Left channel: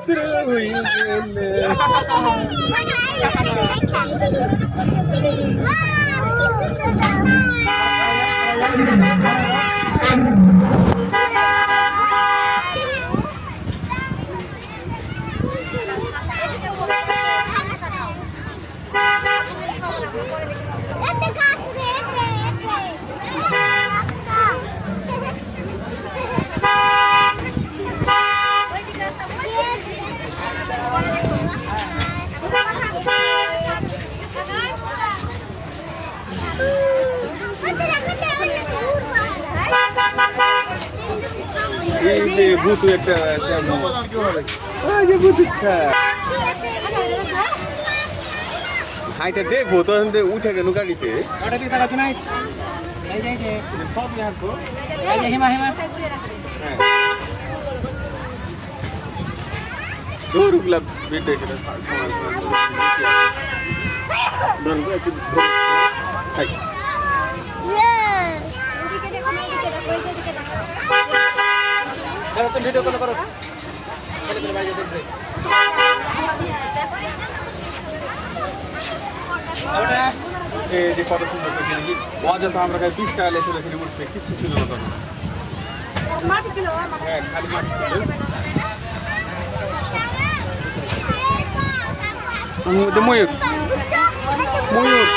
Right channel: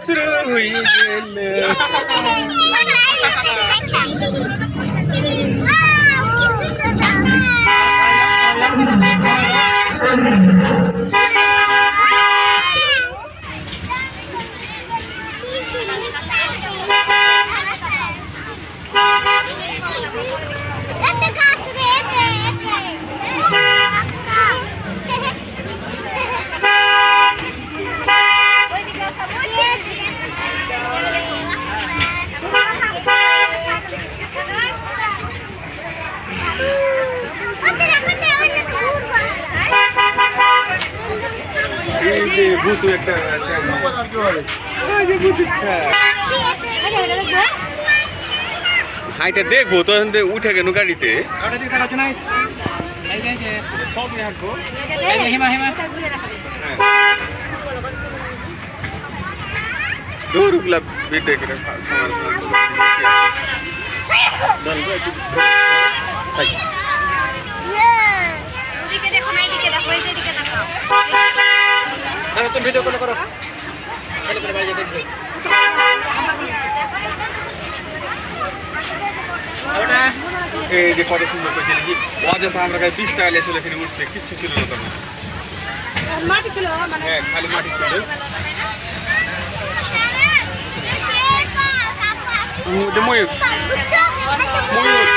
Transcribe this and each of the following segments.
শুরু হয়ে গেলে এতে এই যে ভূত একটা এই যে ভূত ইচ্ছা হাইটা দেখব তো উঠে গেল গাড়িতে। না এই যে এই যে সব হাঁটবো এই যে হিমা হিমা দৌড়গুলা বেটে করে সমাজ দলগো একটু এদিকে দেখো না এদিকে দেখো এই যে এদিকে দেখো ধরো তুমি ভিডিও কল করো। এই যে কত সুন্দর করে দেখি। অযথা আমরা কাছে বিশ টাকা লেছিল এখানে উঠছে কিচ্ছু ছিল না তখন। মাটি ছিল মানে হ্যাঁ খালি মাটি ছিল। ময়ূর। ময়ূর।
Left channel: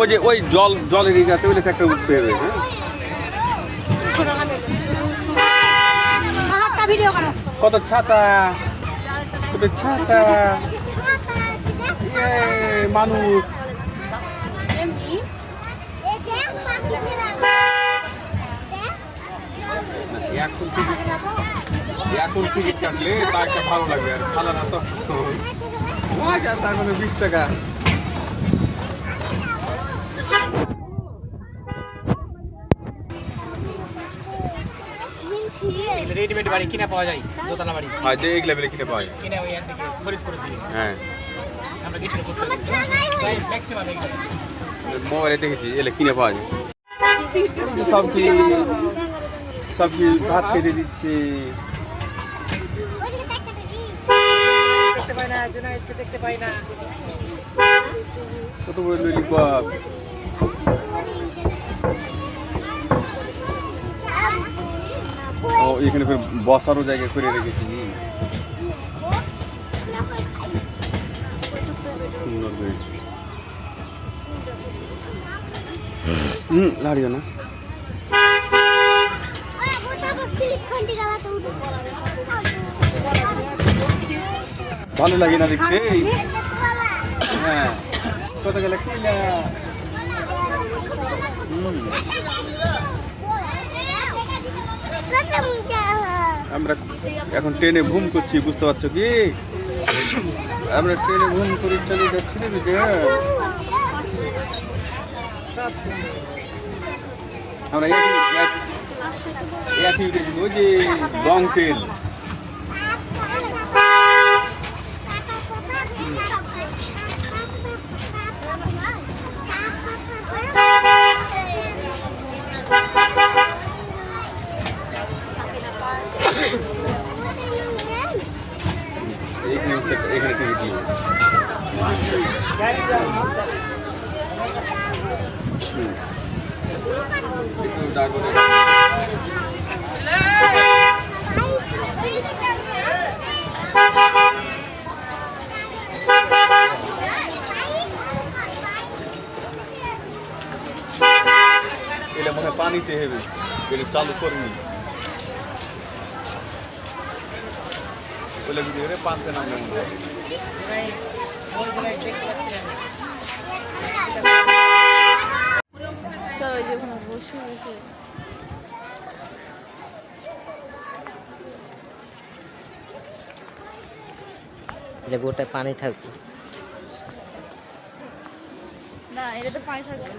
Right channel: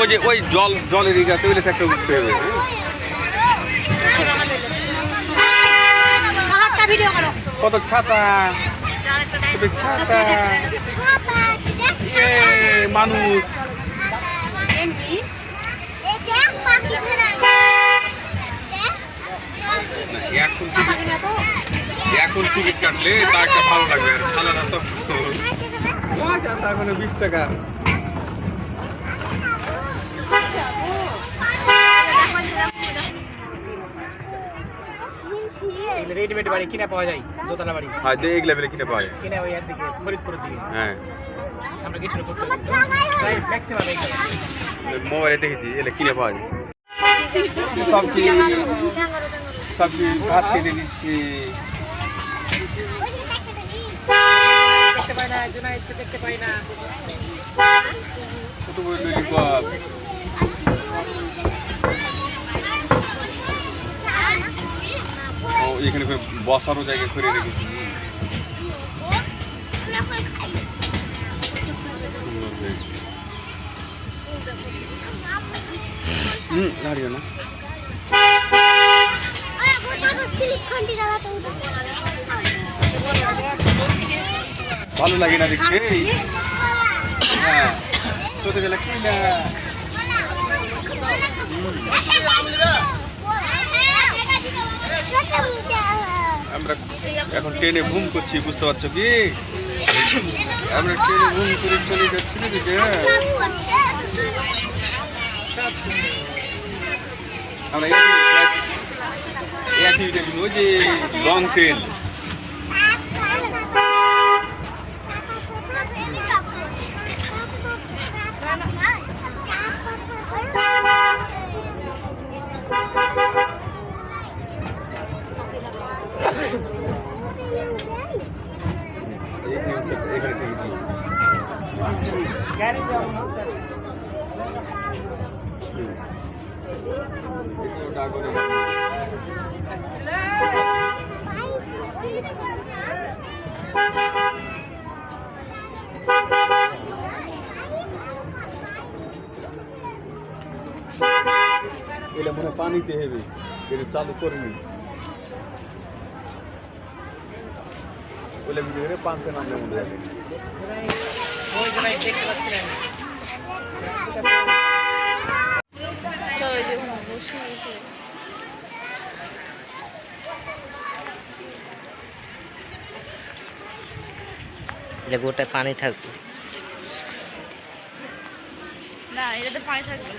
ওই যে ওই জল জলের ইগা তৈরি একটা উঠতে হবে হ্যাঁ? কত ছাতা? কত ছাতা? মানুষ। এখন টিকিট। এখন টিকিট কাটলে তা একটা ভালো লাগবে আর সালানা তো বিশ টাকা। রেডিমেড বাড়ি কিনা পাওয়া যায় দোতলা বাড়ি। আর যে এই লেভেলে কিনে পাওয়া যায়। কিনে ওই একদিকে ফরিদপুরের দিকে হ্যাঁ। আমরা গেছিল করতে ম্যাক্সিমাম এইখানে মোবাইলে দেখেছি এলে কিনে পাওয়া যায়। সবজি সবজি ভাত খেতে দিচ্ছে। দেখতে পাই না জুনাইদকে দেখতে পাই না। কত বড় ললিপপ ও এখানে করে বসারও জায়গা করে রেখেছি। সুন্দর হয়েছে। হুম লাগবে না। ভালো লাগে না দেখতে? হ্যাঁ। কত গেলে কি না আমরা এখন ট্রেনে ঘুম করছি, বুঝতে পারছ কি? আমরা ট্রেনে ঘুম করে চলে যাচ্ছি না দিকে আমরা একই এক- ওই যে লং ট্রেন এখানে থেকে- এখানে থেকে দিয়ে এলে মনে হয় পানিতে হেবে এটা চালু করিনি ওইলে কি করে পানতে নামলে মনে হয় ওই জুনাইদ দেখতে পাচ্ছি না এটা গোটায় পানি থাকবে। না এটাতে পানি থাকবে